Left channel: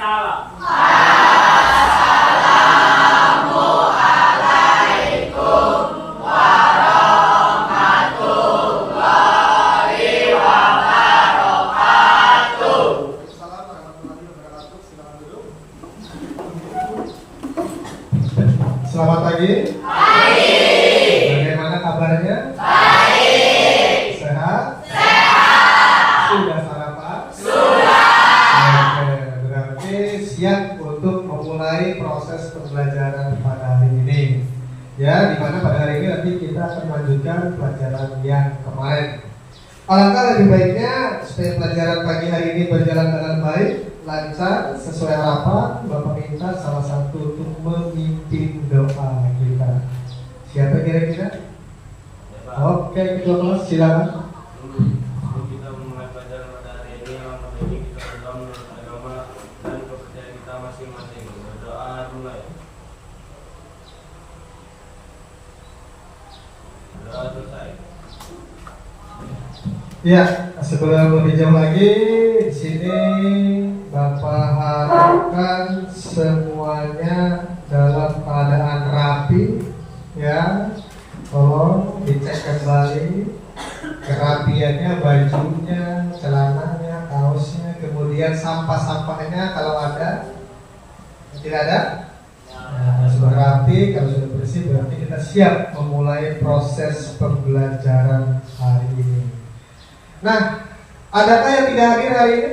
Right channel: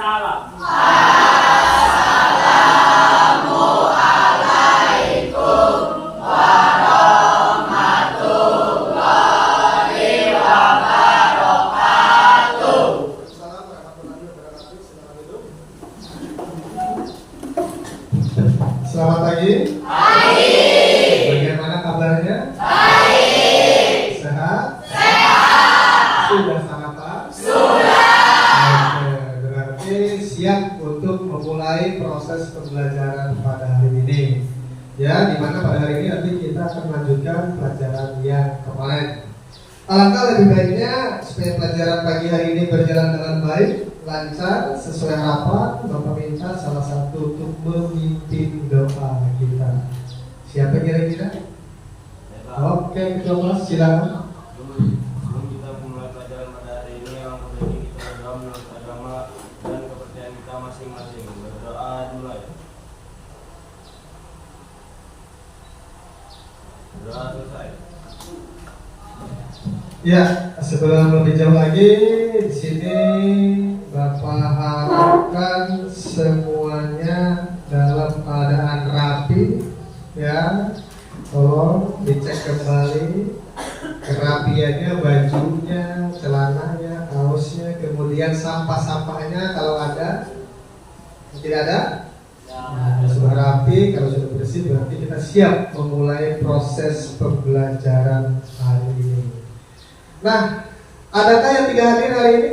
salam. Selamat pagi. Baik. Bagaimana kabarnya? Baik. Sehat? Sehat. Sudah sarapan? Sudah. Oke, berarti siap untuk memulai proses pembelajaran pada hari ini. Ya, di mana pada hari ini nanti kita akan melanjutkan pelajaran yang kemarin. Alangkah lebih baiknya supaya pelajaran pagi hari ini berjalan dengan baik, lancar, sesuai harapan. Bapak minta salah satu untuk memimpin doa kita. Siapa kira-kira? Oke, ketua kelas silakan. Sebelum kita memulai pelajaran pada hari ini, langkah ini kita berdoa menurut agama dan kepercayaan kita masing-masing. Berdoa mulai. Berdoa selesai. Ya, sebelum lebih jauh lagi, di sini Bapak harapkan semuanya dalam keadaan rapi, ya. Tolong dicek kembali kerapiannya, bajunya, celananya, kaosnya, kemudian sampah-sampahnya kalau ada. Tidak ada? Nah, sudah rapi, kalau sudah bersih berarti kita siap memulai proses pembelajaran hari ini. Nah, adakah yang tidak hadir hari ini?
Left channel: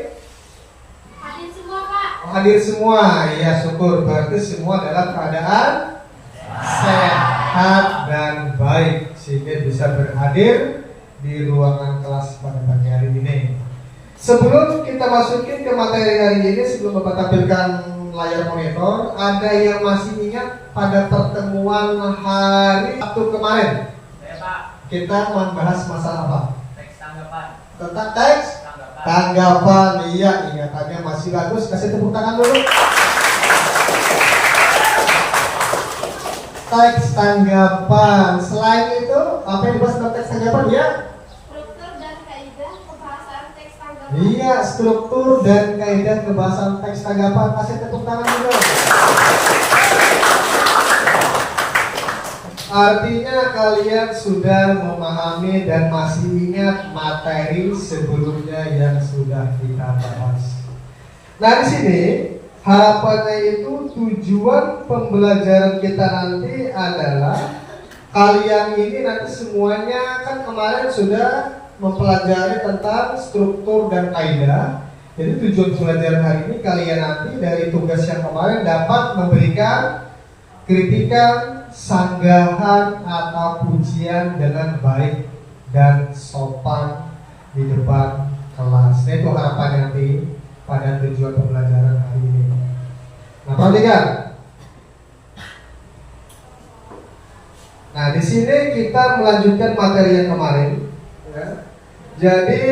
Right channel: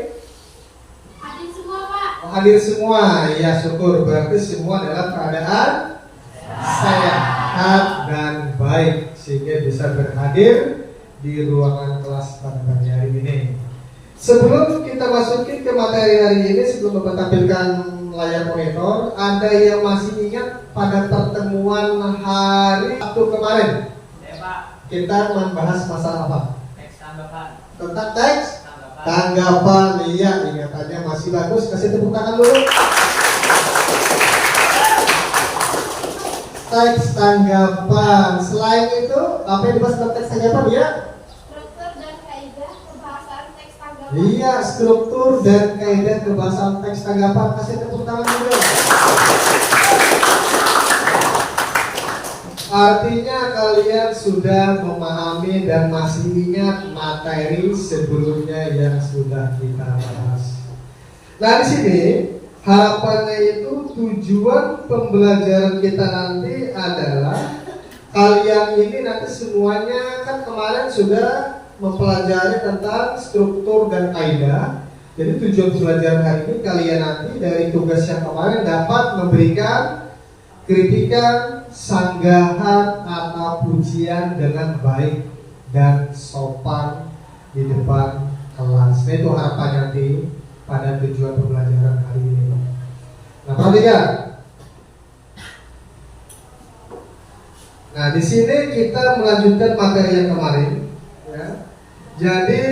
Hadir semua, Pak. Oh, hadir semua, ya syukur. Berarti semua dalam keadaan sehat dan baik sehingga bisa berhadir di ruangan kelas pada pagi hari ini. Sebelum kita masukin ke materi hari ini, sebelum Bapak tampilkan layar monitor, ada yang masih ingat pada pertemuan hari Sabtu kemarin? Ya, Pak. Kita membahas masalah apa? Teks tanggapan. Tentang teks tanggapan. Iya, ingatannya masih bagus. Kasih tepuk tangan dulu. Teks tanggapan. Selain itu, apa yang dibahas dalam teks tanggapan ya? Struktur dan kaidah pembahasan teks tanggapan. Iya, struktur dan kaidah kebahasan teks tanggapan. Kasih tepuk tangan dulu. Artinya kalian sudah memahami dan masih ingat materi sebelumnya yang sudah kita bahas. Nah, di sini harapannya itu tujuan pembelajaran kita nanti adalah kalian ini nanti semuanya kan kemarin sudah mempelajari tentang struktur dan kaidah. Jadi tujuan pembelajaran hari ini kalian nanti dari tugas yang kemarin dapat memberikan kritikan, sanggahan atau pujian dengan baik dan sopan di depan kelas. Nah, itu harapan nanti pada tujuan pembelajaran hari ini. Nah, perhatikan. Nah, di sini kita melanjutkan materi yang kemarin. Ya. Jadi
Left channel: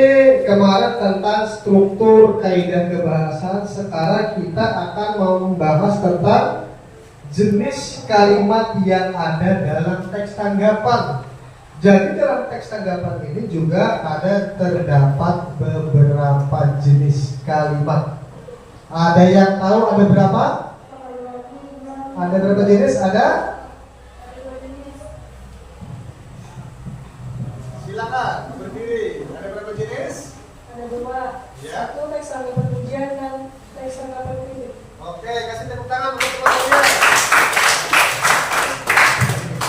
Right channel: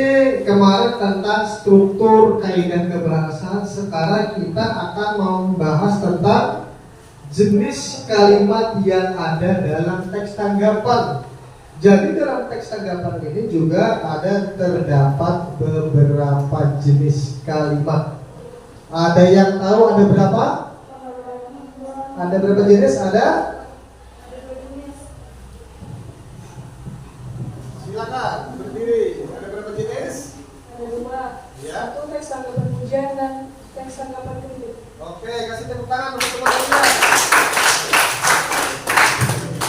kemarin tentang struktur kaidah kebahasan, sekarang kita akan membahas tentang jenis kalimat yang ada dalam teks tanggapan. Jadi dalam teks tanggapan ini juga terdapat beberapa jenis kalimat. Ada yang tahu ada berapa? Ada berapa jenis? Ada? Silakan berdiri. Ada berapa jenis? Ada dua. Ya. Satu teks tanggapan pujian dan teks tanggapan kritik. Oke, kasih tepuk tangan untuk teman-teman.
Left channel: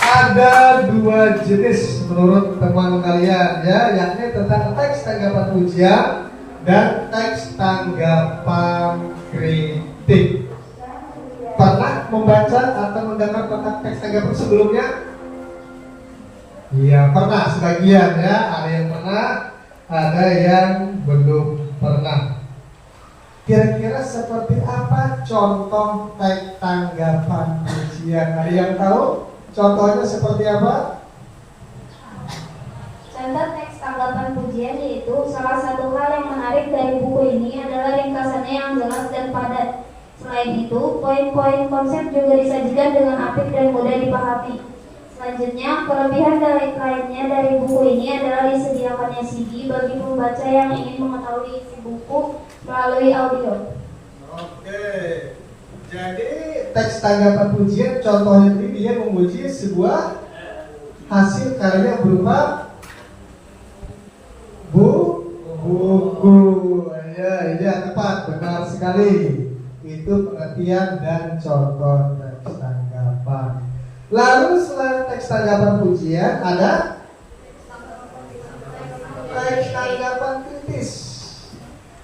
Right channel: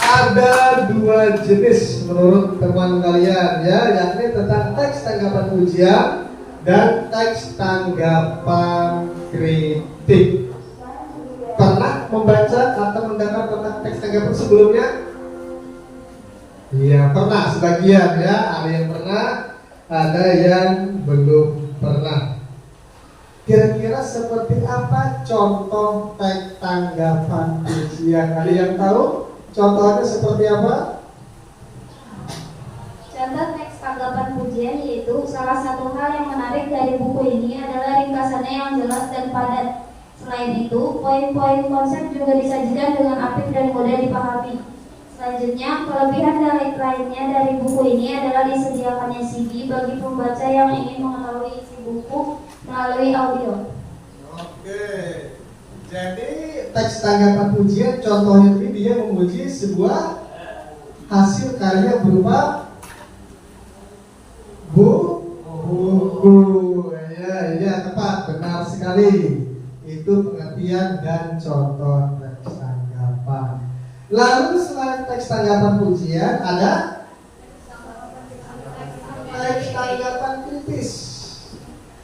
Ada dua jenis menurut teman kalian ya, yakni tentang teks tanggapan pujian dan teks tanggapan kritik. Pernah membaca atau mendengar tentang teks tanggapan sebelumnya? Iya, pernah sebagian ya. Ada yang pernah, ada yang belum pernah. Kira-kira seperti apa contoh teks tanggapan pujian? Ada yang tahu? Contohnya seperti apa? Contoh teks tanggapan pujian yaitu salah satu hal yang menarik dari buku ini adalah ringkasannya yang jelas dan padat. Selain itu, poin-poin konsep juga disajikan dengan apik dan mudah dipahami. Selanjutnya, kelebihan lainnya dari buku ini adalah disediakannya CD bagi pembaca yang ingin mengetahui isi buku melalui audio. Oke, teks tanggapan pujian contohnya ini dia memuji sebuah hasil karya berupa buku. Ya tepat, benar sekali. Itu pengertian dan contoh teks tanggapan. Lalu selain teks tanggapan pujian ada teks tanggapan kritis.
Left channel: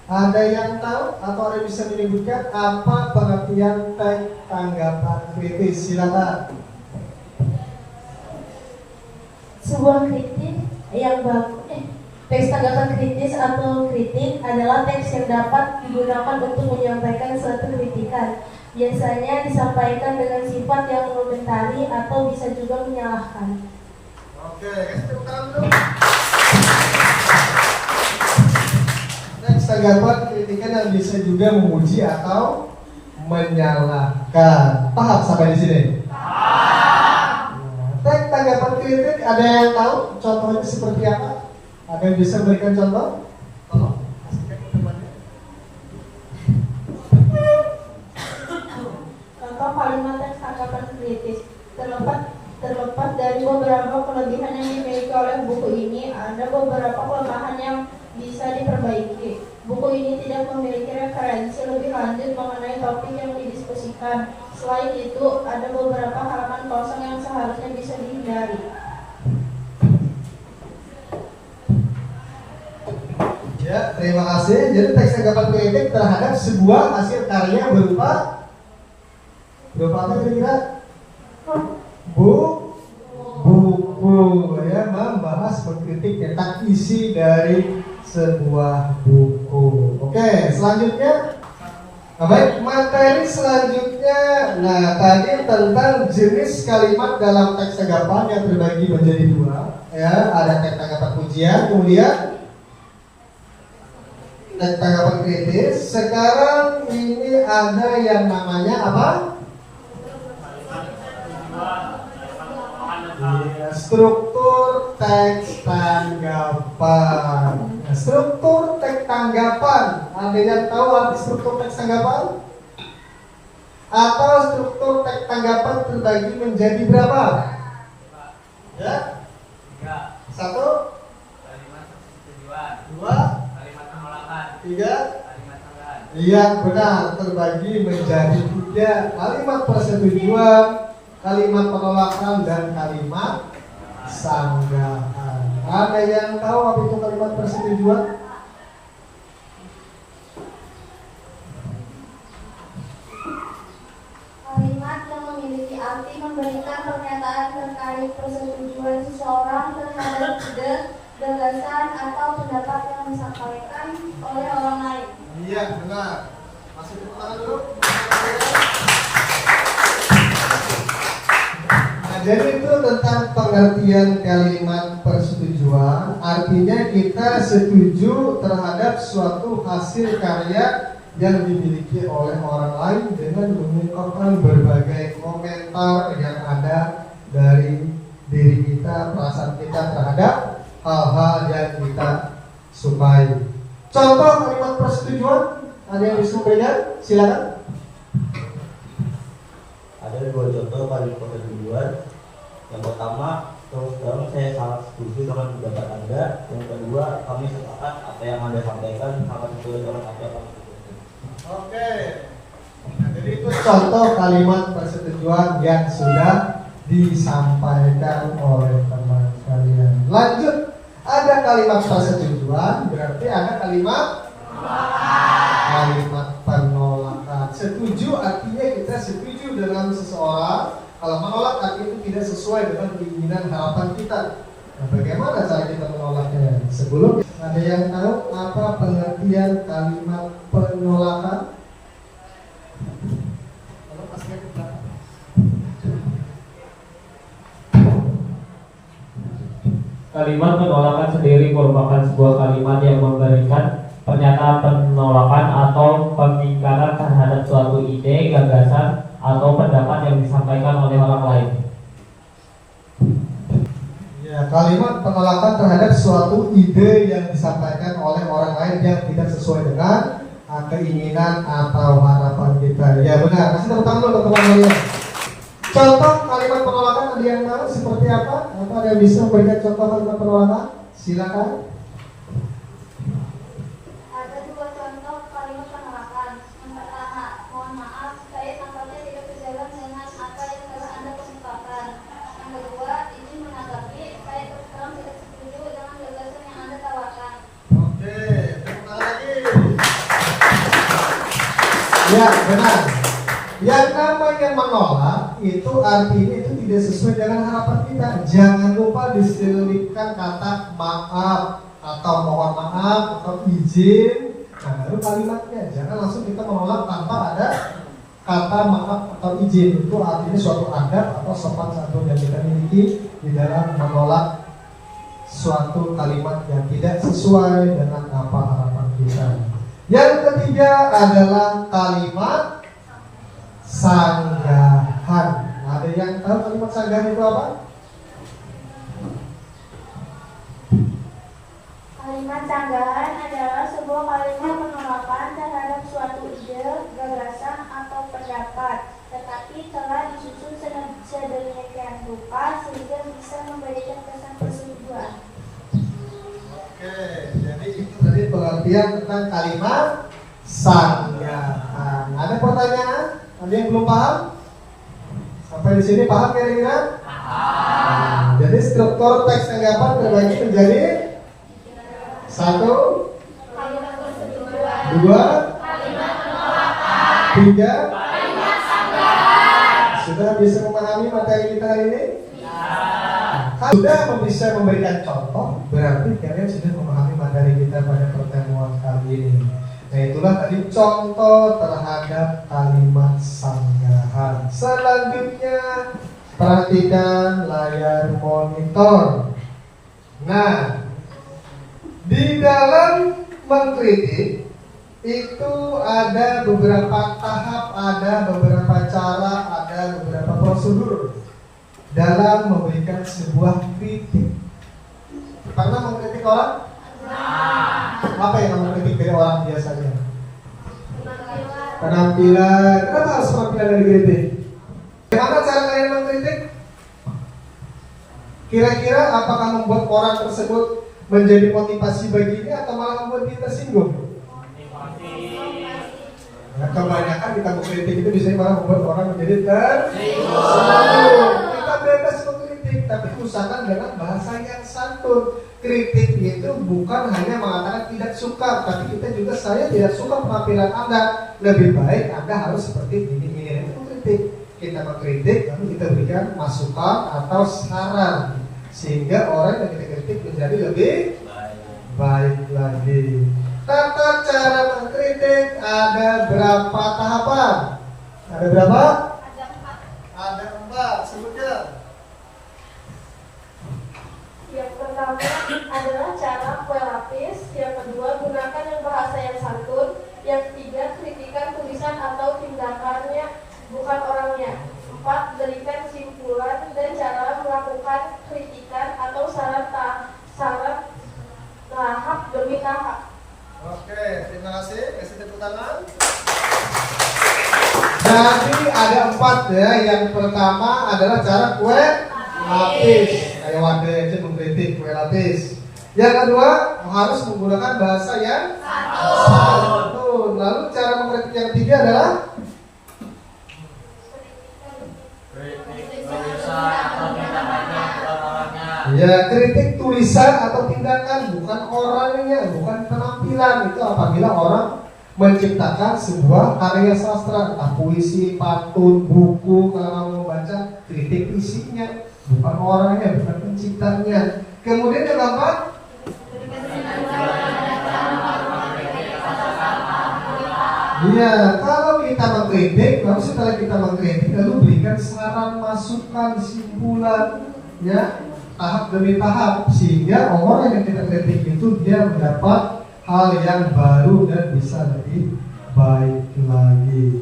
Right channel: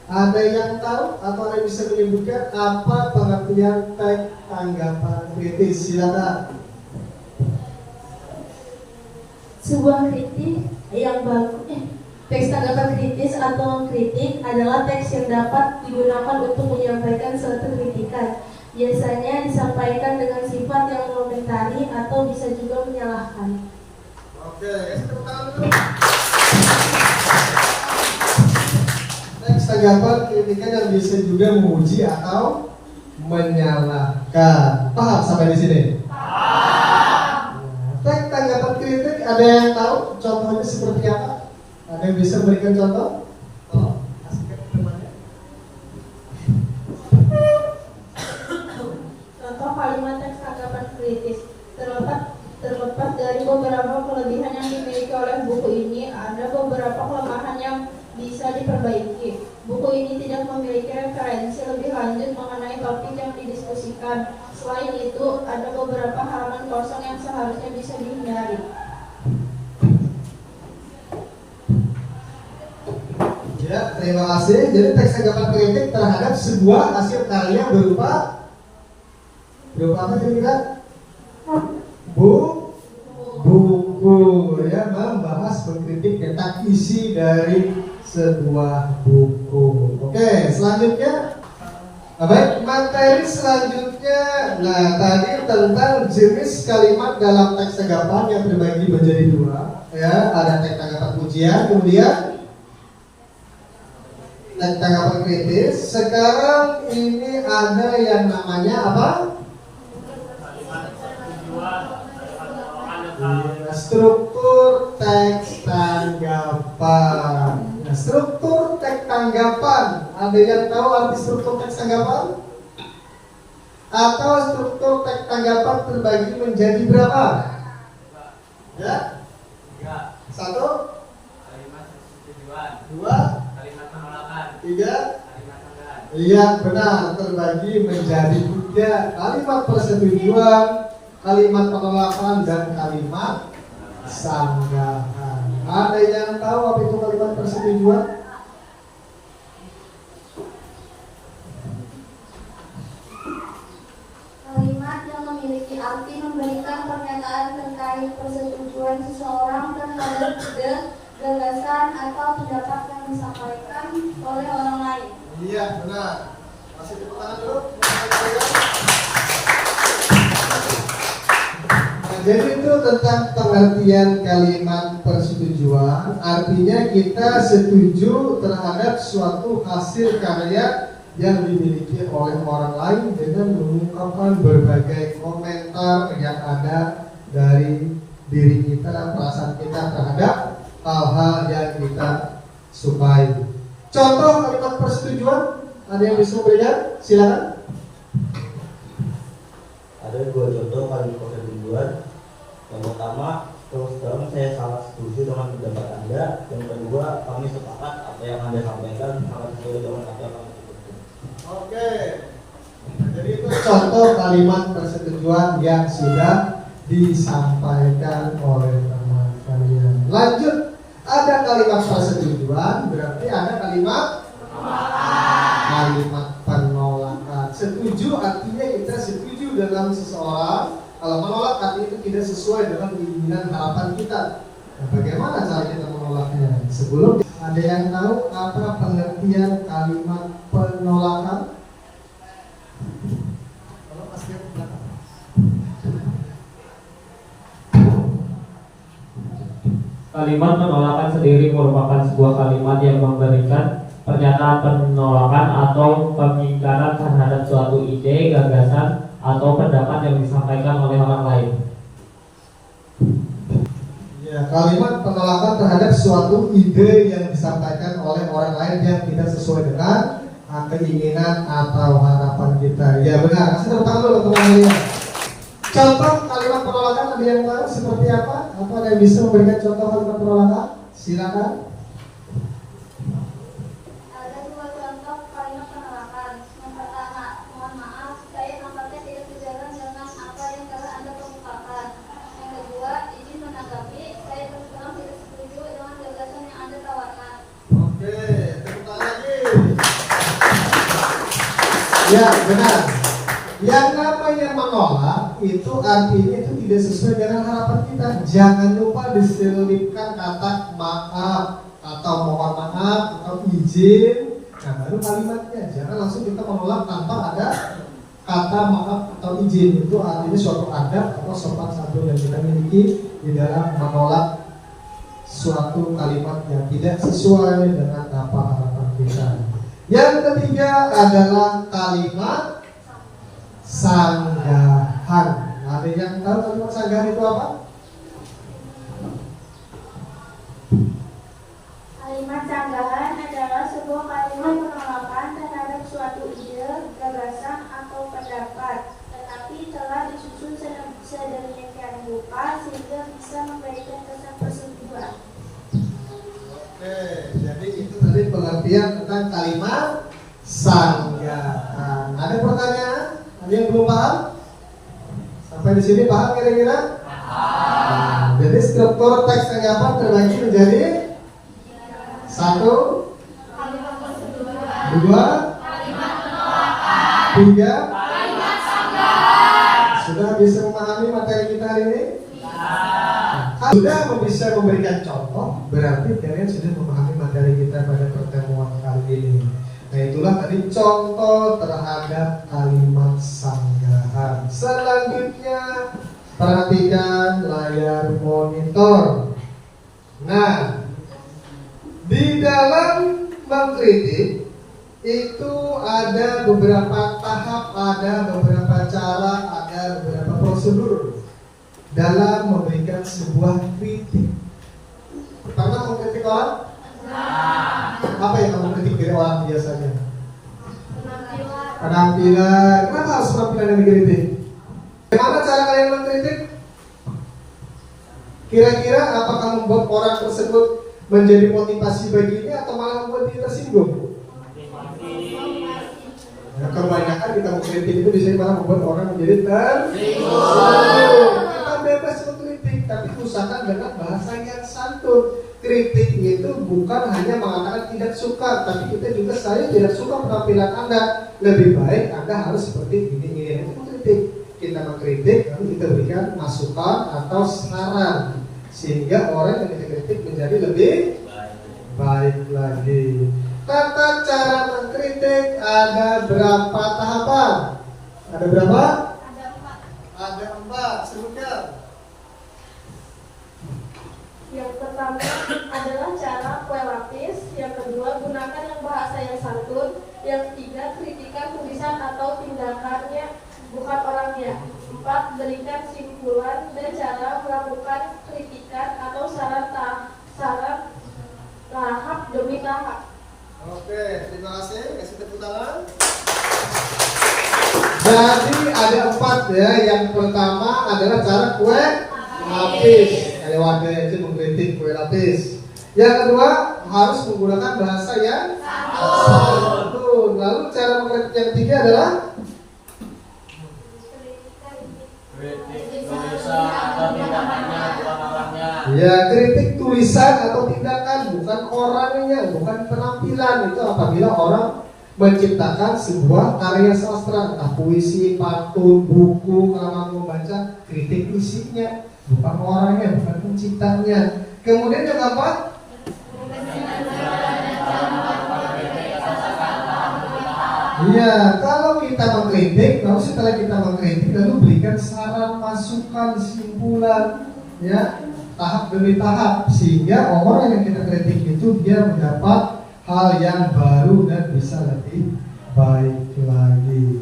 Ada yang tahu atau ada yang bisa menyebutkan apa pengertian teks tanggapan kritis? Silakan. Sebuah kritik yang bagus. Teks tanggapan kritis atau kritik adalah teks yang dapat digunakan untuk menyampaikan suatu kritikan. Biasanya disampaikan dengan sifat yang mengomentari atau bisa juga menyalahkan. Oke, kasih tepuk tangan dulu. Teks tanggapan kritikan yang bisa juga memuji atau menyalahkan. Paham sampai di sini? Teks tanggapan kritik ada yang tahu contohnya seperti apa? Ada yang bisa memberikan contoh? Contoh kalimat teks tanggapan kritis. Terlepas dari beberapa kelebihan yang dimiliki oleh buku ini, ada beberapa kelemahan yang bisa diperbaiki. Buku ini tidak memiliki referensi lebih lanjut mengenai topik yang didiskusikan. Selain itu, ada beberapa halaman kosong yang seharusnya bisa dihindari. Ya, terima kasih. Jadi teks tanggapan kritik terhadap sebuah hasil karya berupa apa kira-kira? Buku ya, membahas mengkritik tentang isi dari sebuah buku. Oke, selanjutnya. Baik, materi selanjutnya. Nah, tadi tentang jenis kalimat dalam teks tanggapan yang terbagi menjadi dua. Ya, ada teks tanggapan pujian, kemudian teks tanggapan kritis. Sekarang ini ada yang namanya apa? Ya, struktur teks tanggapan. Nah, struktur teks tanggapan. Ada yang tahu arti struktur teks tanggapan? Atau struktur teks tanggapan terbagi menjadi berapa? Ya? 1, Kalimat tujuan. 2, Kalimat penolakan. 3. Kalimat tambahan. Iya benar, terbagi menjadi 3 kalimat persetujuan, kalimat penolakan dan kalimat sanggahan. Ada yang tahu apa itu kalimat persetujuan? Kalimat yang memiliki arti memberikan pernyataan terkait persetujuan seseorang terhadap ide, gagasan atau pendapat yang disampaikan oleh orang lain. Iya benar. Masih tepuk tangan dulu. Nah, jadi itu tentang pengertian kalimat persetujuan. Artinya kita setuju terhadap suatu hasil karya yang dimiliki oleh orang lain dengan mengungkapkan berbagai komentar yang ada dari diri kita, perasaan kita terhadap hal-hal yang kita sukai. Contoh kalimat persetujuan, ada yang bisa memberikan? Silakan. Ada 2 contoh kalimat persetujuan. Yang pertama, terus terang saya sangat setuju dengan pendapat Anda. Yang kedua, kami sepakat apa yang Anda sampaikan sangat sesuai dengan apa yang kami pikirkan. Oke. Nah, jadi itu contoh kalimat persetujuan yang sudah disampaikan oleh teman kalian. Lanjut, ada kalimat persetujuan, berarti ada kalimat penolakan. Setuju artinya kita setuju dengan seseorang. Kalau menolak artinya itu tidak sesuai dengan keinginan harapan kita. Nah, bagaimana cara kita menolaknya? Sebelum ada yang tahu apa pengertian kalimat penolakan? Kalimat penolakan sendiri merupakan sebuah kalimat yang memberikan pernyataan penolakan atau pengingkaran terhadap suatu ide, gagasan, atau pendapat yang disampaikan oleh orang lain. Ya, kalimat penolakan terhadap suatu ide yang disampaikan oleh orang lain yang tidak sesuai dengan keinginan atau harapan kita. Ya benar, kasih tepuk tangan dulu teman-teman. yang tahu seperti apa? Apa ada yang bisa memberikan contoh kalimat penolakan? Silakan. Ada dua contoh kalimat penolakan. Yang pertama, mohon maaf, saya tampaknya tidak sejalan dengan apa yang telah Anda kemukakan. Yang kedua, izin menanggapi, saya terus terang tidak setuju dengan gagasan yang Anda tawarkan. Oke, tepuk tangan lagi. Ya, benar. Yang namanya menolak itu artinya itu tidak sesuai dengan harapan kita. Jangan lupa diselipkan kata maaf atau mohon maaf atau izin. Nah, baru kalimatnya. Jangan langsung kita menolak tanpa ada kata maaf atau izin. Itu artinya suatu adab atau sopan santun yang kita miliki di dalam menolak suatu kalimat yang tidak sesuai dengan apa harapan kita. Yang ketiga adalah kalimat sanggahan. Ada yang tahu kalimat sanggahan itu apa? Kalimat sanggahan adalah sebuah kalimat penolakan terhadap suatu ide, gagasan, atau pendapat, tetapi telah disusun sedemikian rupa sehingga bisa memberikan kesan persetujuan. Oke, jadi itu tadi pengertian tentang kalimat sanggahan. Ada pertanyaan? Ada yang belum paham? Sampai di sini paham kira-kira? Nah, jadi struktur teks tanggapan terbagi menjadi 1, 2, 3. Sudah bisa memahami materi kita hari ini? Sudah bisa memberikan contoh, berarti kalian sudah memahami materi kita pada pertemuan kali ini. Nah, itulah tadi contoh terhadap kalimat sanggahan. Selanjutnya, perhatikan layar monitor. Nah, di dalam mengkritik itu ada beberapa tahap, ada beberapa cara, ada beberapa prosedur dalam memberikan sebuah kritik. Pernah mengkritik orang? Apa yang kamu kritik dari orang biasanya? Penampilan. Kenapa harus penampilan yang dikritik? Bagaimana cara kalian mengkritik? Kira-kira apakah membuat orang tersebut menjadi motivasi bagi dia atau malah membuat dia tersinggung? Nah, kebanyakan kita mengkritik itu bisa malah membuat orang menjadi tersinggung. Kita bebas mengkritik, tapi usahakan dengan bahasa yang santun. Kritik itu bukan hanya mengatakan tidak suka, tapi kita juga saya tidak suka penampilan Anda. Lebih baik Anda harus seperti ini. Itu mengkritik. Kita mengkritik, lalu kita berikan masukan atau saran sehingga orang yang kita kritik menjadi lebih baik lagi. Tata cara mengkritik ada berapa tahapan? Ada berapa? Ada 4. Sebutkan. Yang pertama adalah cara kue lapis. Yang kedua, gunakan yang bahasa yang santun. Yang ketiga, kritikan tulisan atau tindakannya, bukan orangnya. 4, berikan simpulan dan cara melakukan kritikan atau saran tahap demi tahap. Oke, terima kasih. Kasih tepuk tangan. Jadi ada 4 ya. Yang pertama adalah cara kue lapis. Kayak wadah aja mengkritik kue lapis. Yang kedua harus menggunakan bahasa yang santun. Lalu cara mengkritik yang ketiga adalah tulisan atau tindakannya bukan orangnya. ya, kritik tulisan atau tindakan bukan orangnya, bukan penampilan. Itu apabila orang menciptakan sebuah karya sastra, entah puisi, pantun, buku, kalau mau membaca, kritik isinya, bukan orangnya, bukan penciptanya. Kemudian yang keempat, iya, kalau kita mengkritik, lalu setelah kita mengkritik, lalu berikan saran, masukan, simpulan, ya, tahap demi tahap, sehingga orang yang kita kritik itu dia mendapat hal yang baru dan bisa lebih baik lagi.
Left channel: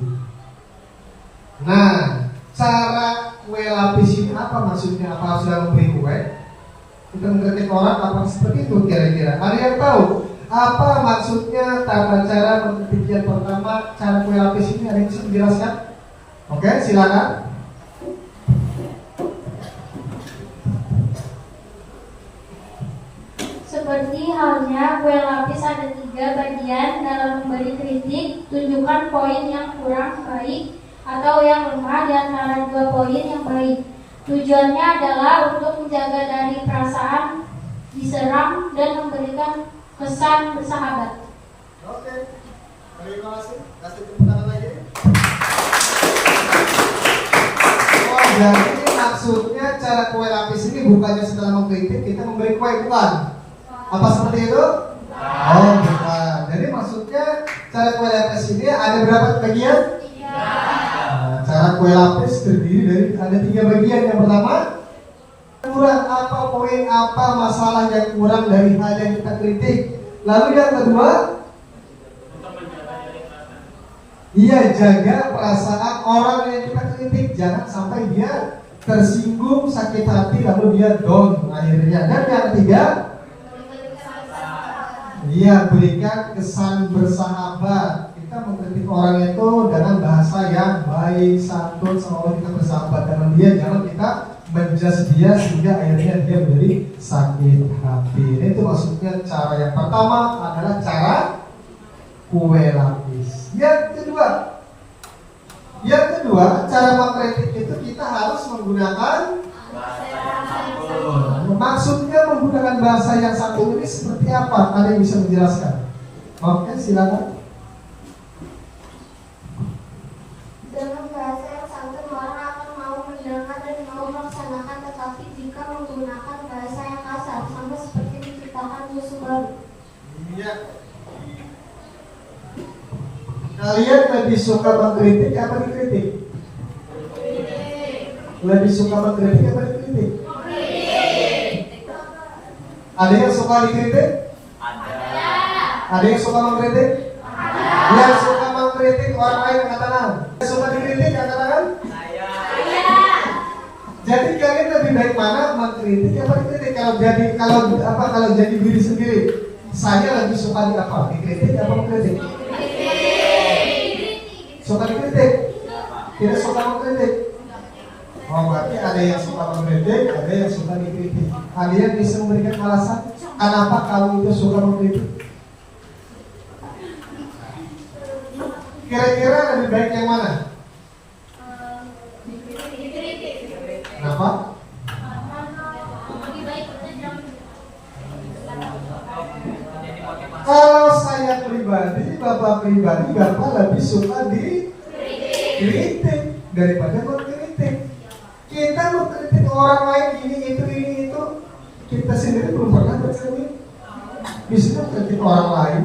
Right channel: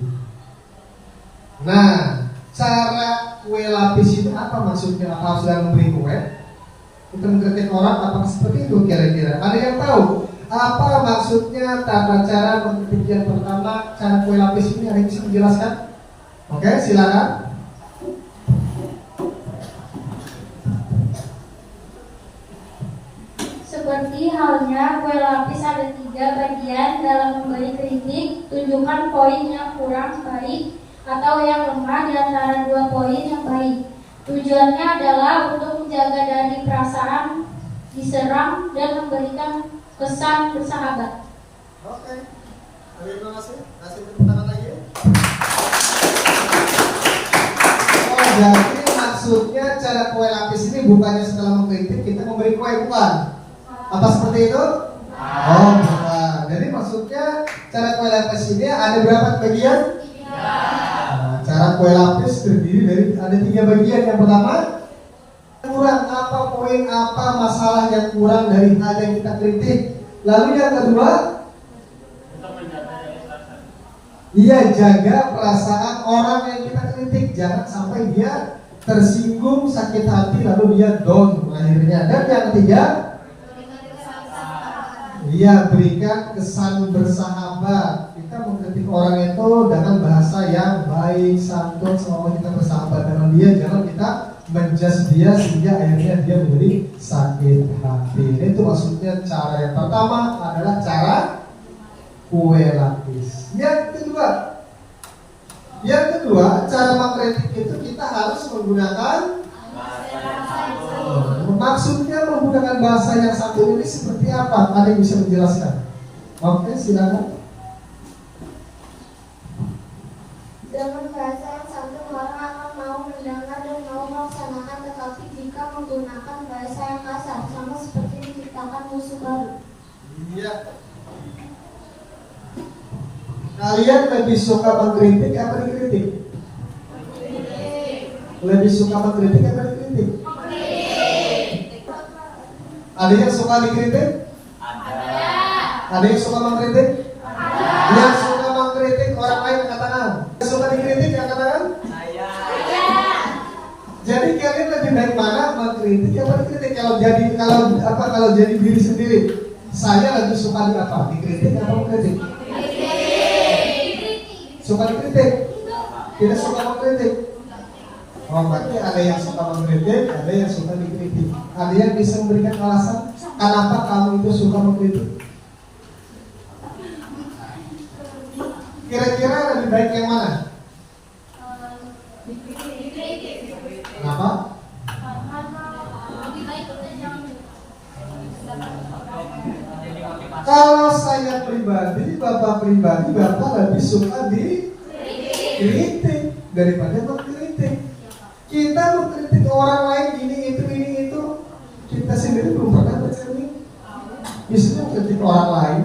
Nah, cara kue lapis ini apa maksudnya? Apa harus dalam memberi kue? Kita mengkritik orang apa seperti itu kira-kira? Ada yang tahu? Apa maksudnya tata cara mengkritik yang pertama, cara kue lapis ini? Ada yang bisa menjelaskan? Oke, silakan. dalam memberi kritik, tunjukkan poin yang kurang baik atau yang lemah di antara dua poin yang baik. Tujuannya adalah untuk menjaga dari perasaan diserang dan memberikan kesan bersahabat. Oke, terima kasih. Kasih tepuk tangan lagi. Oh, jadi maksudnya cara kue lapis ini bukannya setelah mengkritik kita memberi kue, bukan? Apa seperti itu? Oh, bukan. Jadi maksudnya cara kue lapis ini ada berapa bagian? Cara kue lapis terdiri dari ada 3 bagian. Yang pertama, kurang apa poin apa masalah yang kurang dari hal yang kita kritik. Lalu yang kedua, iya, jaga perasaan orang yang kita kritik, jangan sampai dia tersinggung, sakit hati, lalu dia down akhirnya. Dan yang ketiga, iya, berikan kesan bersahabat. Kita mengkritik orang itu dengan bahasa yang baik, santun, sama kita bersahabat dengan dia. Jangan kita menjudge dia sehingga akhirnya dia menjadi sakit hati. Itu maksudnya cara yang pertama adalah cara kue lapis. Yang kedua, cara mengkritik itu kita harus menggunakan maksudnya menggunakan bahasa yang santun ini seperti apa? Ada yang bisa menjelaskan? Oke, silakan. Dengan bahasa yang santun orang akan mau mendengar dan mau melaksanakan, tetapi jika menggunakan bahasa yang kasar sama seperti menciptakan musuh baru. Iya. Kalian lebih suka mengkritik apa dikritik? Lebih suka mengkritik apa dikritik? Ada yang suka dikritik? Ada yang suka mengkritik? Yang suka mengkritik orang lain angkat tangan. Yang suka dikritik angkat tangan? Jadi kalian lebih baik mana, mengkritik apa dikritik? Kalau jadi diri sendiri, saya lebih suka di apa? Dikritik apa mengkritik? Suka dikritik? Tidak suka mengkritik? Oh, berarti ada yang suka mengkritik, ada yang suka dikritik. Ada yang bisa memberikan alasan kenapa kamu itu suka mengkritik? Kira-kira lebih baik yang mana? Kenapa? Kalau saya pribadi, Bapak lebih suka dikritik daripada mengkritik. Kita mengkritik orang lain ini itu, kita sendiri belum pernah bercermin. Bisa mengkritik orang lain.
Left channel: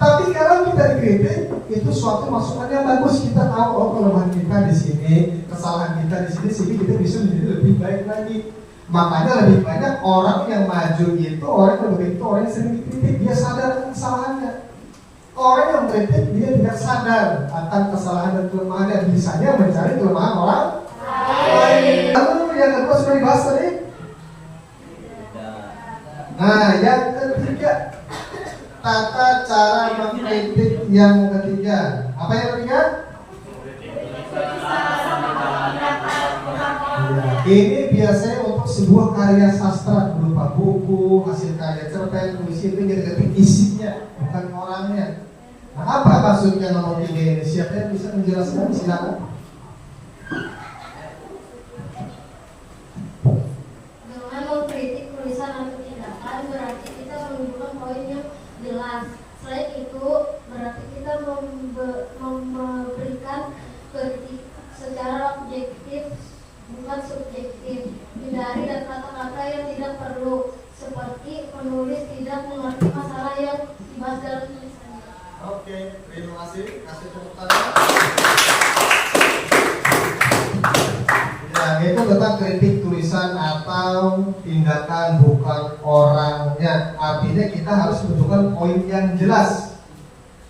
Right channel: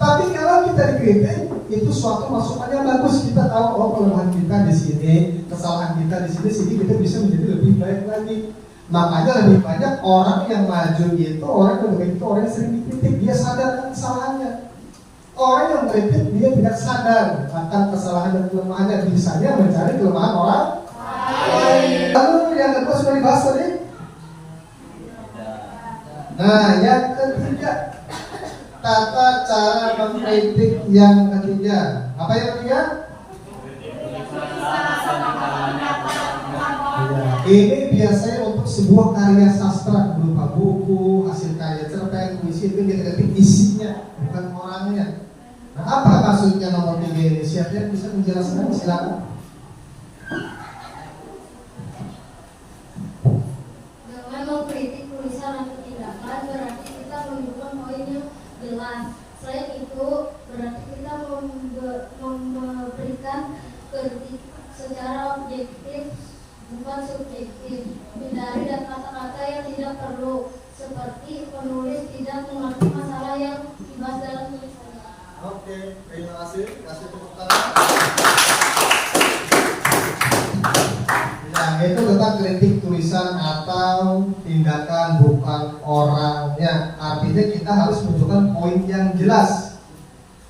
Tapi kalau kita dikritik, itu suatu masukan yang bagus. Kita tahu, oh, kelemahan kita di sini, kesalahan kita di sini, sehingga kita bisa menjadi lebih baik lagi. Makanya lebih banyak orang yang maju itu, orang yang begitu, orang yang sering dikritik, dia sadar kesalahannya. Orang yang mengkritik, dia tidak sadar akan kesalahan dan kelemahannya. Bisanya mencari kelemahan orang lain. Lalu yang kedua sudah dibahas tadi. Nah, yang ketiga, tata cara mengkritik yang ketiga. Apa yang ketiga? Ini biasanya untuk sebuah karya sastra berupa buku, hasil karya cerpen, puisi, itu kita ketik isinya, bukan orangnya. Nah, apa maksudnya nomor 3 ini? Siapa yang bisa menjelaskan? Silakan. Dengan mengkritik tulisan atau tindakan berarti kita menunjukkan poin yang jelas. Selain itu berarti kita memberikan kritik secara objektif, bukan subjektif. Hindari dan kata-kata yang tidak perlu, seperti penulis tidak mengerti masalah yang dibahas dalam tulisannya. Oke, terima kasih. Kasih tepuk tangan. Ya, itu tentang kritik tulisan atau tindakan, bukan orangnya. Artinya kita harus menunjukkan poin yang jelas.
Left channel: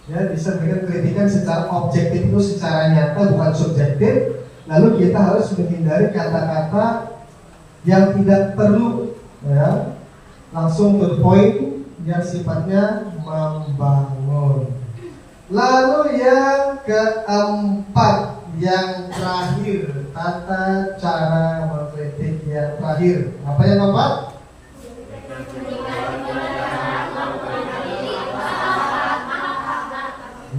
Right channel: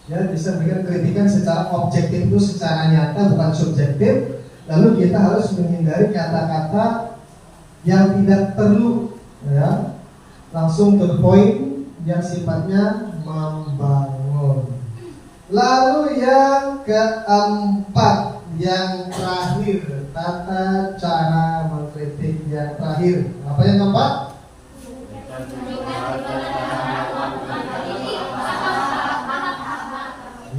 Ya, bisa memberikan kritikan secara objektif itu secara nyata, bukan subjektif. Lalu kita harus menghindari kata-kata yang tidak perlu, ya, langsung to the point, yang sifatnya membangun. Lalu yang keempat, yang terakhir, tata cara mengkritik yang terakhir. Apa yang keempat?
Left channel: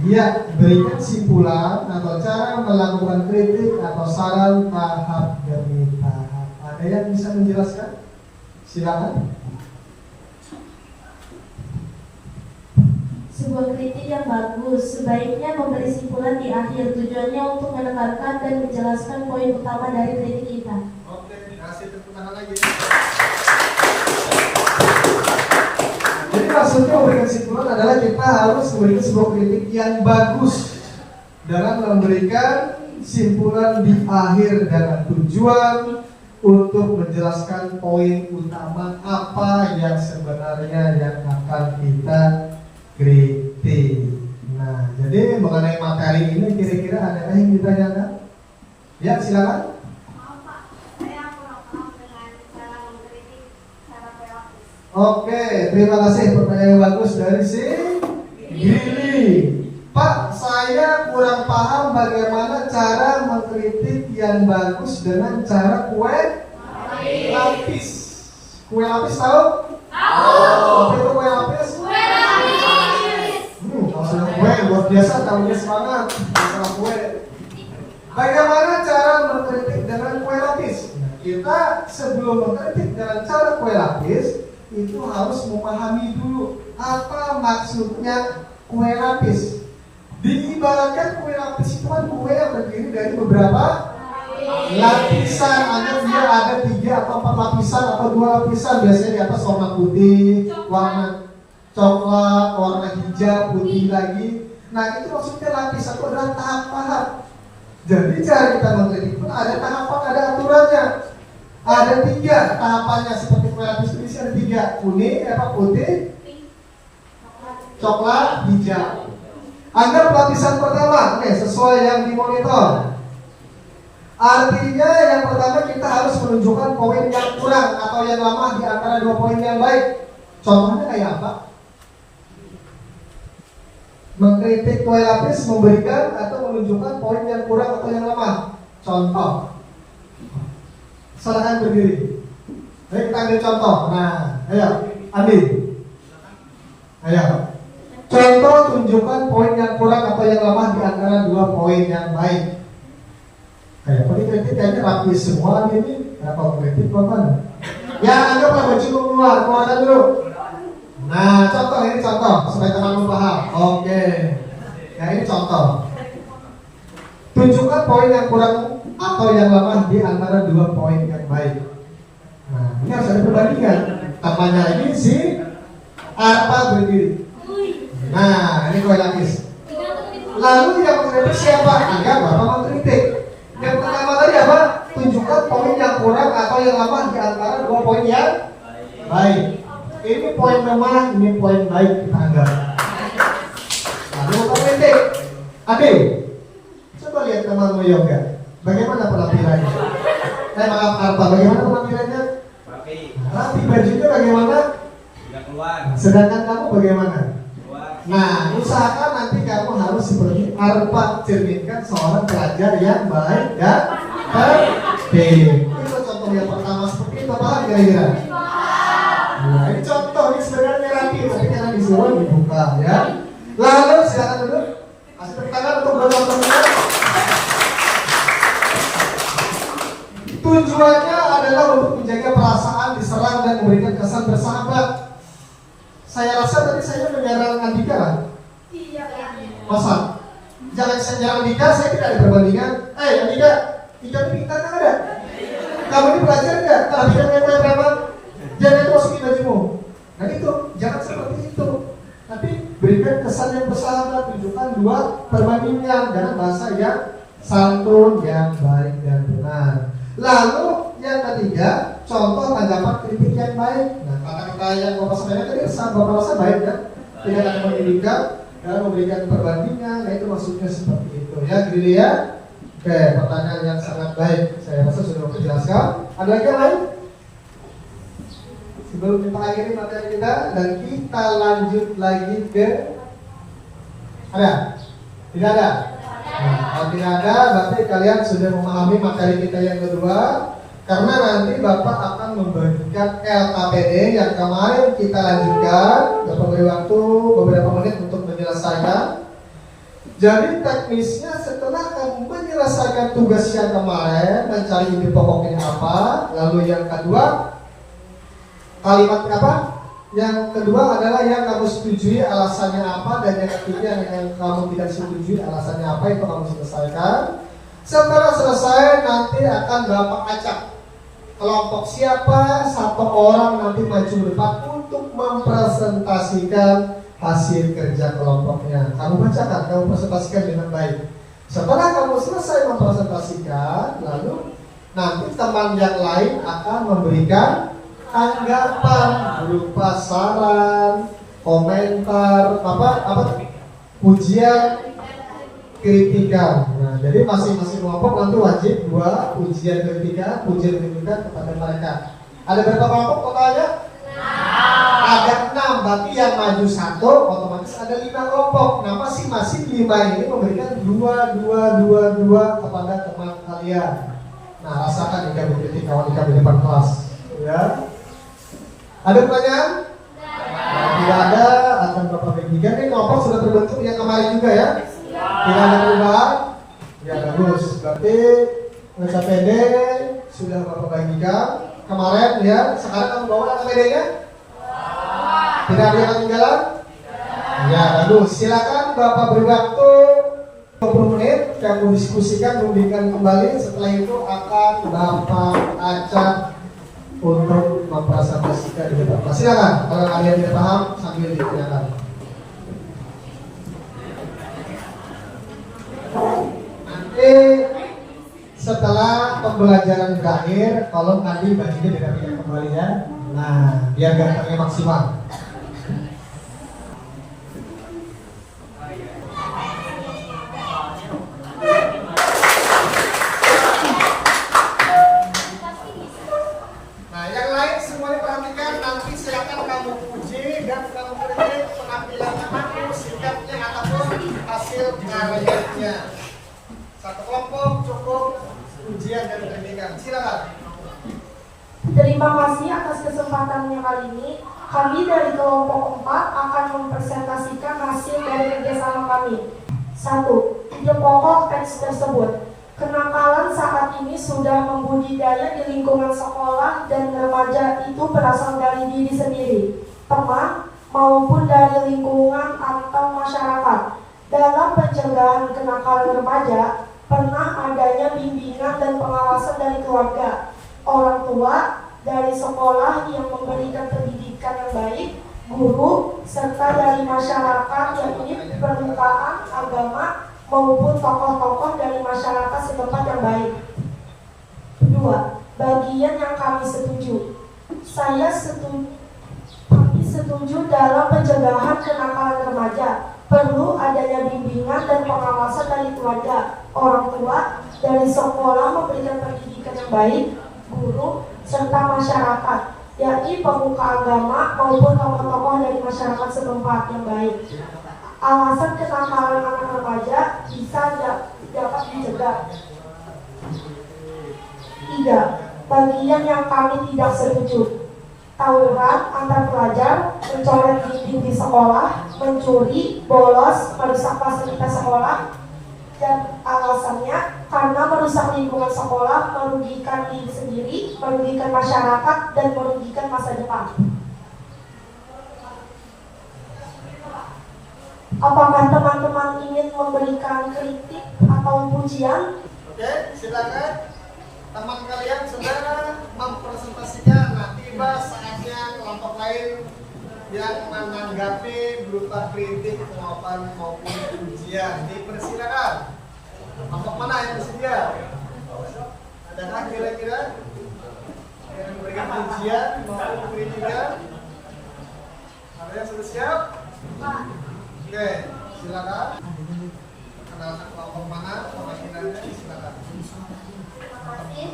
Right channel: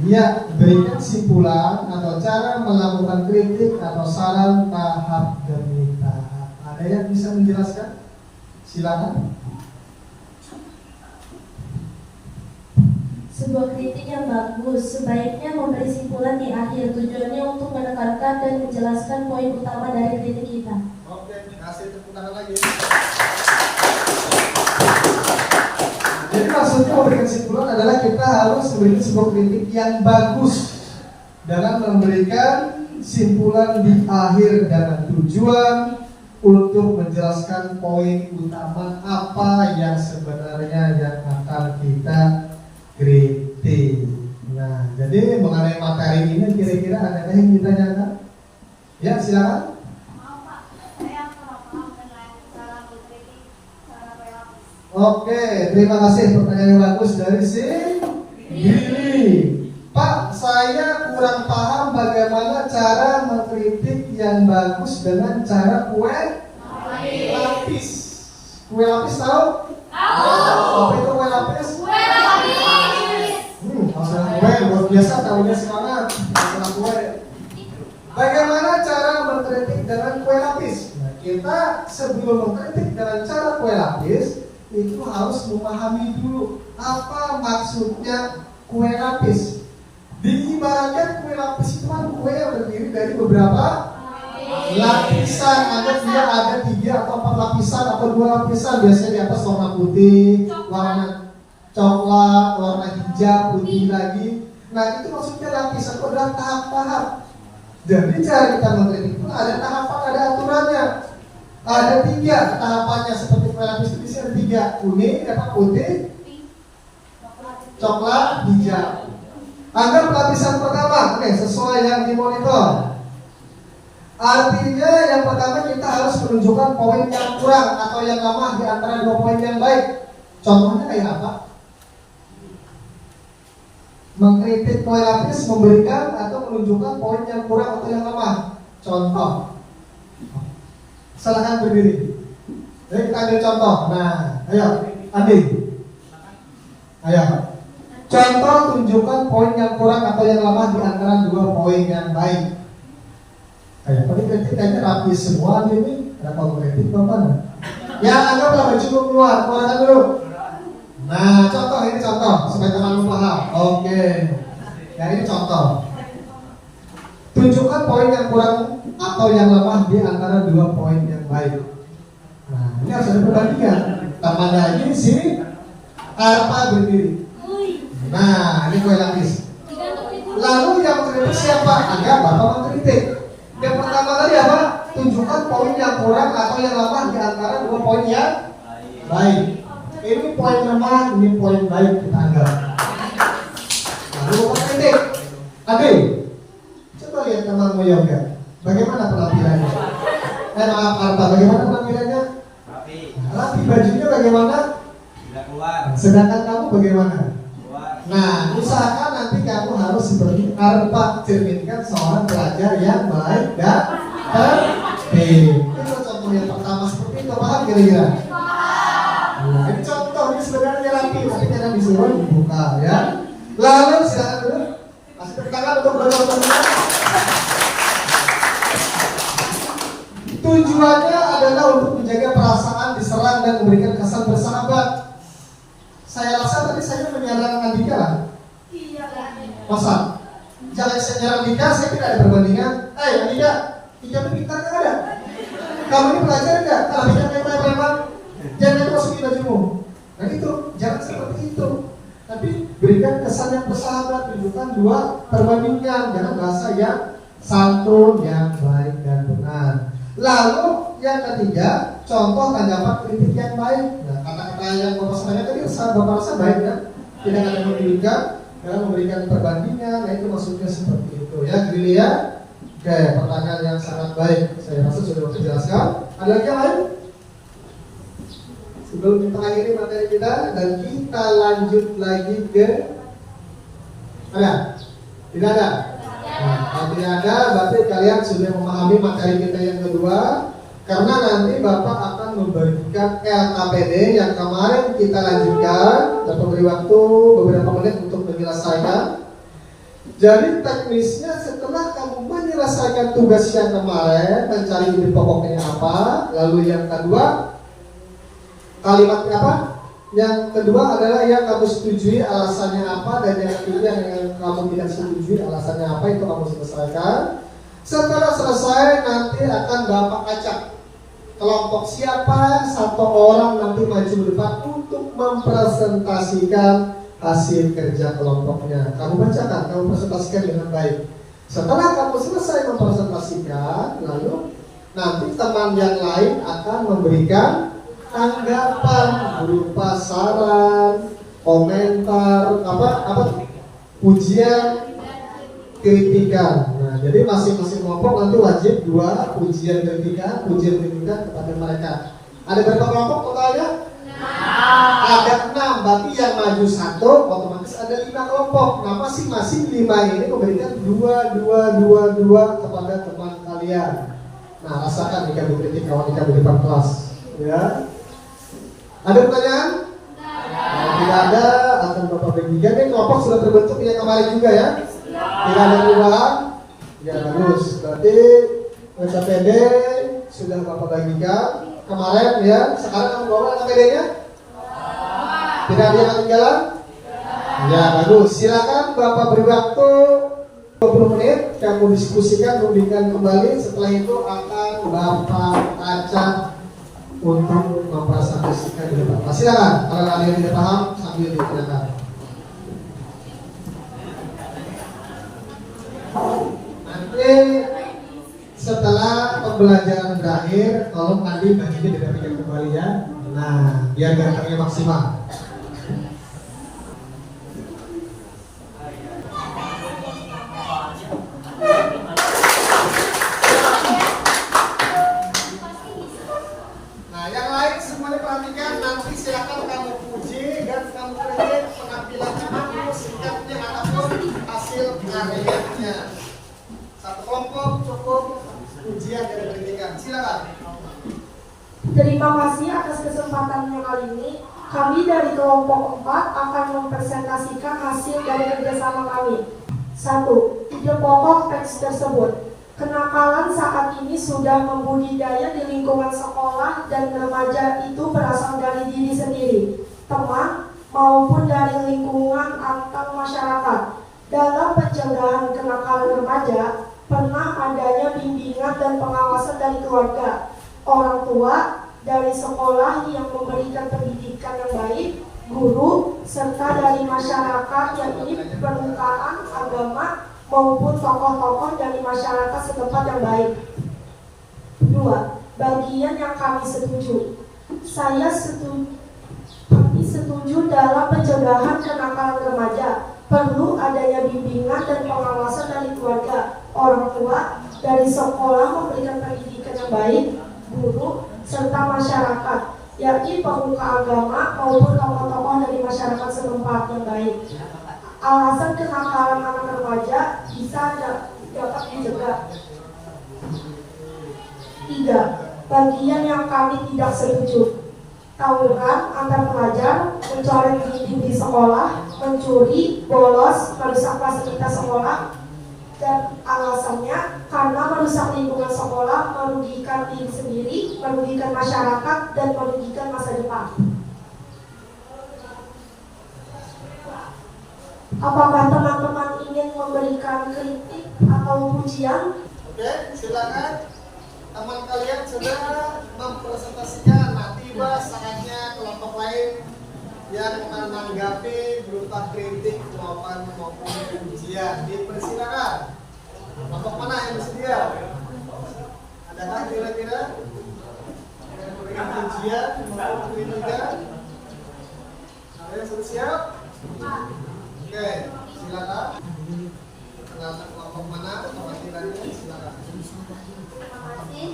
Ya, berikan simpulan atau cara melakukan kritik atau saran tahap demi tahap. Ada yang bisa menjelaskan? Silakan. Sebuah kritik yang bagus sebaiknya memberi simpulan di akhir, tujuannya untuk menekankan dan menjelaskan poin utama dari kritik kita. Oke, kasih tepuk tangan lagi. Jadi maksudnya memberikan kesimpulan adalah kita harus memberikan sebuah kritik yang bagus dalam memberikan simpulan di akhir dengan tujuan untuk menjelaskan poin utama apa yang sebenarnya yang akan kita kritik. Nah, jadi mengenai materi ini kira-kira ada yang ditanyakan? Ya, silakan. Oke, terima kasih pertanyaan yang bagus dari si Gili. Pak, saya kurang paham bagaimana cara mengkritik yang bagus dengan cara kue lapis. Kue lapis tahu? Apa itu kue lapis? Masalah kue luar biasa, tahunya semangat. Masalah kue. Bagaimana cara mengkritik dengan kue lapis? Nah, kita sebelum mengkritik dengan cara kue lapis itu harus memahami dulu apa maksudnya kue lapis. Diibaratkan kue lapis itu kan kue yang terdiri dari beberapa lapisan. Anggap dia ada 3 atau 4 lapisan atau 2 lapisan. Biasanya di atas warna putih, warna coklat, warna hijau, putih lagi. Nah, itu maksudnya lapisan itu adalah tahap-tahap. Jadi cara kita mengkritik itu ada tahapan, ada aturannya. Ada 3 tahapannya seperti kue lapis itu bisa ada 3, kuning, putih, coklat, hijau. Anggap lapisan pertama, oke, sesuai yang dimonitor. Artinya yang pertama kita harus menunjukkan poin yang kurang atau yang lemah di antara 2 poin yang baik. Contohnya kayak apa? Mengkritik kue lapis memberikan atau menunjukkan poin yang kurang atau yang lemah. Contoh. Silahkan berdiri. Jadi kita ambil contoh. Nah, ayo, Andi. Ayo. Contoh tunjukkan poin yang kurang atau yang lemah di antara 2 poin yang baik. Ayo, kalau kritik kayaknya rapi semua ini. Kenapa kritik mana? Ya, anggaplah baju keluar, keluarkan dulu. Nah, contoh ini contoh supaya teman-teman paham. Oke. Ya, ini contoh. Tunjukkan poin yang kurang atau yang lemah di antara 2 poin yang baik. Nah, ini harus ada perbandingan. Temannya lagi si Arpa berdiri. Nah, ini kue lapis. Lalu yang mengkritik siapa? Enggak, Bapak mengkritik. Yang pertama tadi apa? Tunjukkan poin yang kurang atau yang lemah di antara 2 poin yang baik. Ini poin lemah, ini poin baik kita anggap. Lalu Bapak kritik. Ade, coba lihat teman-teman yoga. Bagaimana penampilannya? Maaf Arta, bagaimana penampilannya? Rapi. Rapi, bajunya bagaimana? Tidak keluar. Sedangkan kamu bagaimana? Keluar. Nah, usahakan nanti kamu harus seperti Arta, cerminkan seorang pelajar yang baik dan tertib. Itu contoh yang pertama seperti itu, paham kira-kira? Nah, ini contoh, ini sebenarnya rapi, tapi karena disuruh dibuka ya. Lalu silakan dulu, kasih tepuk tangan untuk teman-teman. Tujuannya adalah untuk menjaga perasaan diserang dan memberikan kesan bersahabat. Saya rasa tadi saya menyerang Andika lah. Iya. Masa? Jangan saya nyerang Andika, saya tidak ada perbandingan. Andika, Andika itu pintar kan ada? Kamu ini belajar nggak? Kalau tidak kayak preman, jangan itu masukin bajumu. Nah itu, jangan seperti itu. Tapi berikan kesan yang bersahabat, tunjukkan 2 perbandingan dengan bahasa yang santun, yang baik dan benar. Lalu yang ketiga, contoh tanggapan kritik yang baik. Nah, kata-kata yang Bapak sampaikan tadi Bapak rasa baik kan? Tidak akan menunjukkan dan memberikan perbandingan. Nah, itu maksudnya seperti itu ya, Gili ya. Oke, pertanyaan yang sangat baik. Saya rasa sudah dijelaskan. Ada lagi yang lain? Sebelum kita akhiri materi kita dan kita lanjut lagi ke ada? Tidak ada? Nah, kalau tidak ada, berarti kalian sudah memahami materi kita yang kedua. Karena nanti Bapak akan membagikan LKPD yang kemarin kita lanjutkan. Dapat beri waktu beberapa menit untuk menyelesaikan. Jadi teknisnya setelah kamu menyelesaikan tugas yang kemarin, mencari ide pokoknya apa, lalu yang kedua kalimatnya apa? Yang kedua adalah yang kamu setujui alasannya apa, dan yang ketiga yang kamu tidak setujui alasannya apa, itu kamu selesaikan. Setelah selesai nanti akan Bapak acak kelompok siapa satu orang nanti maju depan untuk mempresentasikan hasil kerja kelompoknya. Kamu bacakan, kamu presentasikan dengan baik. Setelah kamu selesai mempresentasikan, lalu nanti teman yang lain akan memberikan tanggapan berupa saran, komentar, pujian, kritikan. Nah, jadi masing-masing kelompok nanti wajib 2 pujian kritikan kepada mereka. Ada berapa kelompok totalnya? Ada 6, berarti yang maju 1 otomatis ada 5 kelompok. Nah, masing-masing 5 ini memberikan 2 kepada teman kalian. Nah, rasakan jika dikritik kawan di depan kelas, ya. Ada pertanyaan? Nah, tidak ada, akan Bapak bagikan. Ini kelompok sudah terbentuk yang kemarin juga ya. Tidak ada perubahan? Ya, bagus. Berarti SPD sudah Bapak bagikan kemarin ya. Sekarang kamu bawa APD-nya? Tidak ada yang ketinggalan? Ya, bagus. Silakan Bapak beri waktu 20 menit, kamu diskusikan, memberikan kembali. Setelah itu akan Bapak acak untuk mempresentasikan di depan. Silakan, kalau ada yang tidak paham sambil ditanyakan. Nanti setelah pembelajaran berakhir, tolong Andi bajunya dirapikan kembali ya. Nah, biar gantengnya maksimal. Nah, yang lain semuanya perhatikan. Nanti silakan kamu puji dan kamu kritik penampilan kamu, sikapnya ataupun hasil karyanya. Satu kelompok cukup pujian dan kritikan. Silakan. Terima kasih atas kesempatannya kali ini. Kami dari kelompok 4 akan mempresentasikan hasil dari kerjasama kami. 1. Ide pokok teks tersebut. Kenakalan saat ini sudah membudidaya di lingkungan sekolah dan remaja itu berasal dari diri sendiri, teman, maupun dari lingkungan atau masyarakat. Dalam pencegahan kenakalan remaja, pernah adanya bimbingan dan pengawasan dari keluarga, orang tua, dari sekolah yang memberikan pendidikan yang baik, guru, serta dari masyarakat yang ini permukaan agama maupun tokoh-tokoh dari masyarakat setempat yang baik. 2. Bagian yang kami setuju. Kami setuju dalam pencegahan kenakalan remaja. Perlu adanya bimbingan dan pengawasan dari keluarga, orang tua, dari sekolah memberikan pendidikan yang baik, guru, serta masyarakat, yakni pemuka agama maupun tokoh-tokoh dari masyarakat setempat yang baik. Alasan kenakalan anak remaja bisa dapat dicegah. 3. Bagian yang kami tidak setuju. Tawuran antar pelajar, mencoret dinding di sekolah, mencuri, bolos, merusak fasilitas sekolah, dan alasannya karena merusak lingkungan sekolah, merugikan diri sendiri, merugikan masyarakat, dan merugikan masa depan. Apakah teman-teman ingin memberikan kritik atau pujian? Oke, silakan. Teman kalian sudah mempresentasikan. Nanti saatnya kelompok lain yang menanggapi berupa kritik, maupun pujian. Dipersilakan. Kelompok mana yang bersedia? Adakah kira-kira yang memberikan pujian maupun kritikan? Ada yang sudah siap? Oke, silakan. Kenalkan kelompok mana perwakilannya, silakan. Terima kasih.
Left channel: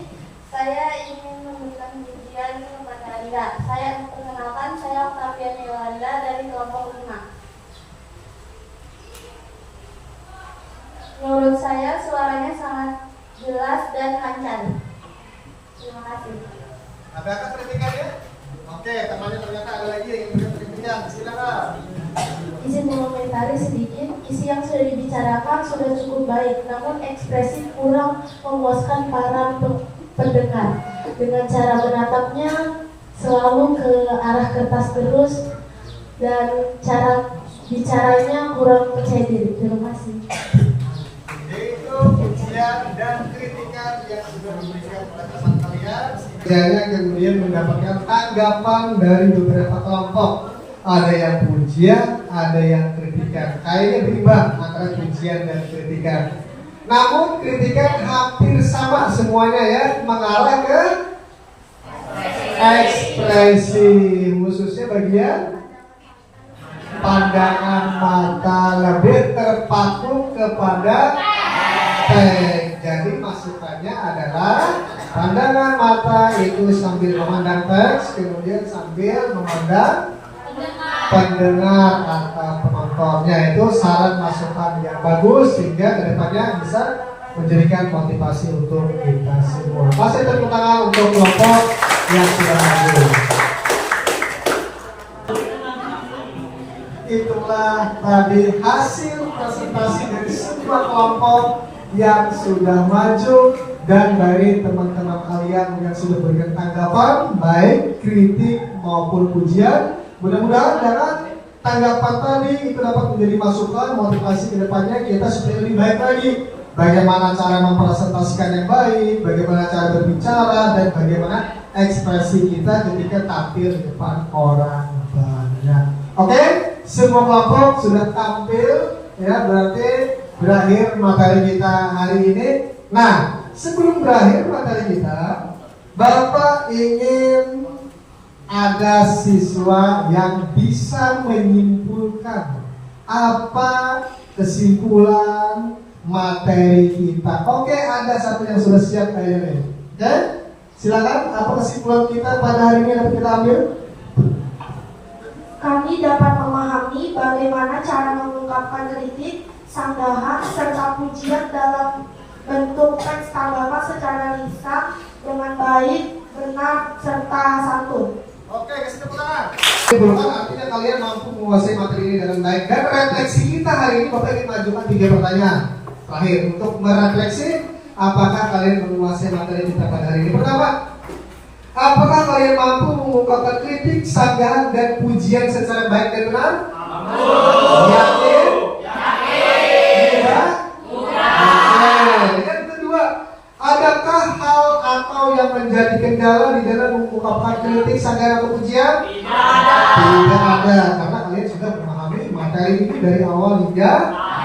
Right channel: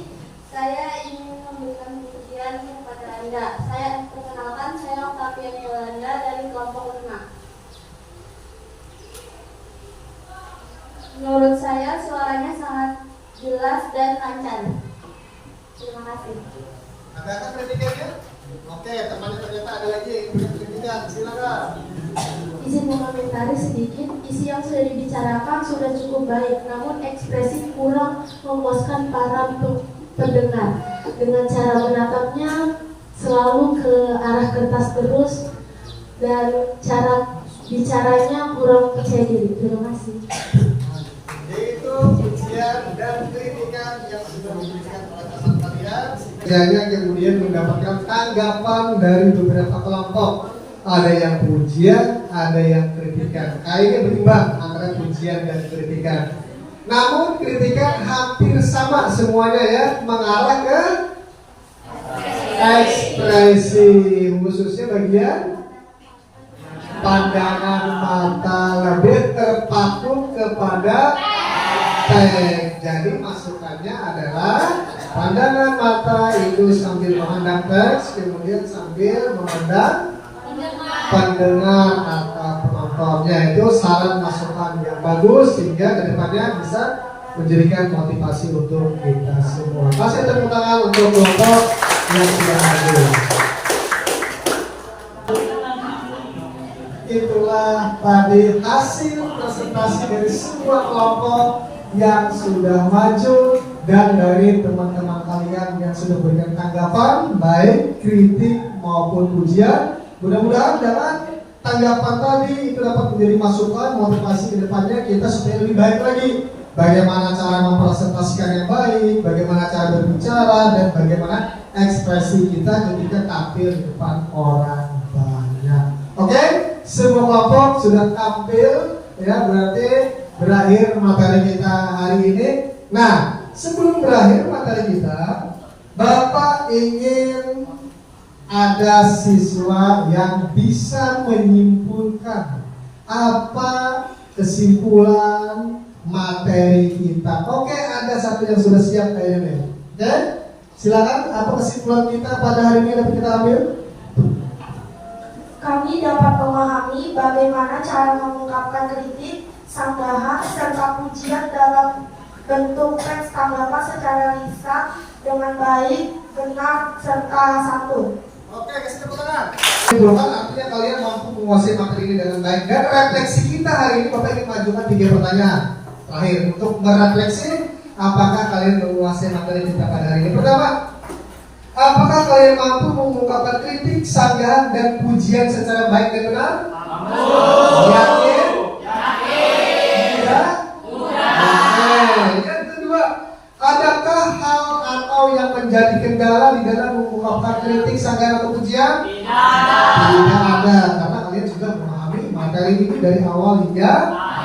Saya ingin memberikan pujian kepada Anda. Saya perkenalkan, saya Octavian Yolanda dari kelompok 5. Menurut saya suaranya sangat jelas dan lancar. Terima kasih. Adakah kritikannya? Oke, temannya ternyata ada lagi yang ingin kritikan, silakan. Izin mengomentari sedikit, isi yang sudah dibicarakan sudah cukup baik, namun ekspresi kurang memuaskan para pendengar. Dengan cara menatapnya selalu ke arah kertas terus dan cara bicaranya kurang percaya diri. Terima kasih. Yaitu pujian dan kritikan yang sudah diberikan pada teman kalian. Kiranya kemudian mendapatkan tanggapan dari beberapa kelompok. Ada yang pujian, ada yang kritikan. Kayaknya berimbang antara pujian dan kritikan. Namun kritikan hampir sama semuanya ya, mengarah ke ekspresi, khususnya bagian pandangan mata lebih terpaku kepada teks. Jadi masukannya adalah pandangan mata itu sambil memandang teks, kemudian sambil memandang pendengar atau penontonnya. Itu saran masukan yang bagus sehingga kedepannya bisa menjadikan motivasi untuk kita semua. Kasih tepuk tangan untuk kelompok yang sudah hadir. Itulah tadi hasil presentasi dari semua kelompok yang sudah maju dan dari teman-teman kalian yang sudah berikan tanggapan baik kritik maupun pujian. Mudah-mudahan dengan tanggapan tadi itu dapat menjadi masukan motivasi ke depannya kita supaya lebih baik lagi. Bagaimana cara mempresentasikan yang baik, bagaimana cara berbicara, dan bagaimana ekspresi kita ketika tampil di depan orang banyak. Oke, semua kelompok sudah tampil, ya berarti berakhir materi kita hari ini. Nah, sebelum berakhir materi kita, Bapak ingin ada siswa yang bisa menyimpulkan apa kesimpulan materi kita. Oke, ada satu yang sudah siap kayaknya. Oke, silakan. Apa kesimpulan kita pada hari ini dapat kita ambil? Kami dapat memahami bagaimana cara mengungkapkan kritik, sanggahan, serta pujian dalam bentuk teks agama secara lisan dengan baik, benar, serta santun. Oke, kasih tepuk tangan. Kesimpulan artinya kalian mampu menguasai materi ini dengan baik. Dan refleksi kita hari ini Bapak ingin majukan 3 pertanyaan terakhir untuk merefleksi apakah kalian menguasai materi kita pada hari ini. Pertama, apakah kalian mampu mengungkapkan kritik, sanggahan, dan pujian secara baik dan benar? Mampu. Yakin? Yakin. Mudah? Mudah. Yang kedua, adakah hal atau yang menjadi kendala di dalam mengungkapkan kritik, sanggahan, atau pujian? Tidak ada, karena kalian sudah memahami materi ini dari awal hingga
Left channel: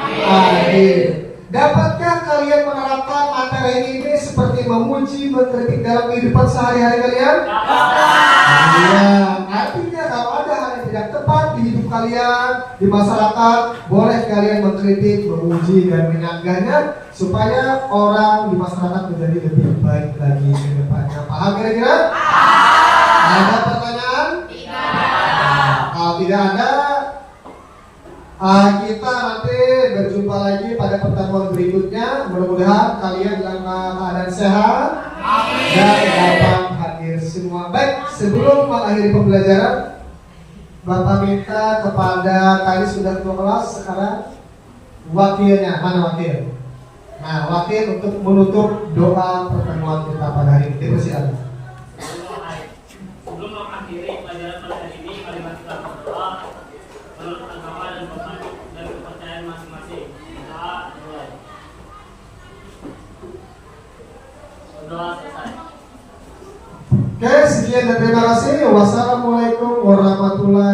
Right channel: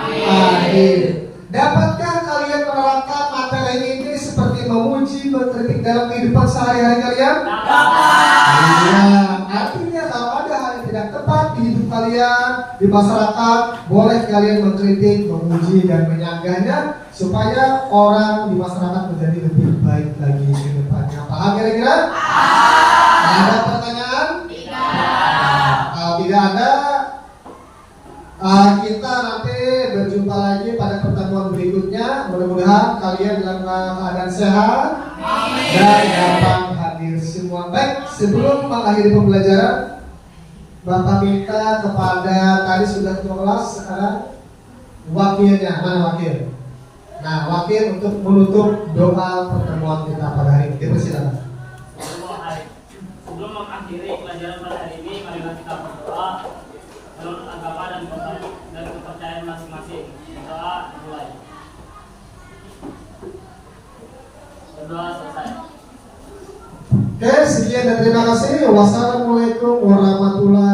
akhir. Dapatkah kalian menerapkan materi ini seperti memuji, mengkritik dalam kehidupan sehari-hari kalian? Iya, artinya kalau ada hal yang tidak tepat di hidup kalian, di masyarakat, boleh kalian mengkritik, memuji, dan menyanggahnya supaya orang di masyarakat menjadi lebih baik lagi ke depannya. Paham kira-kira? Ada pertanyaan? Tidak ada. Kita nanti berjumpa lagi pada pertemuan berikutnya. Mudah-mudahan kalian dalam keadaan sehat dan dapat hadir semua. Baik, sebelum mengakhiri pembelajaran, Bapak minta kepada tadi sudah ketua kelas, sekarang wakilnya, mana wakil? Nah, wakil untuk menutup doa pertemuan kita pada hari ini. Silakan. Sebelum mengakhiri pelajaran pada hari ini, mari kita berdoa menurut agama dan kepercayaan masing-masing. Doa mulai. Berdoa selesai. Oke, sekian dan terima kasih. Wassalamualaikum warahmatullahi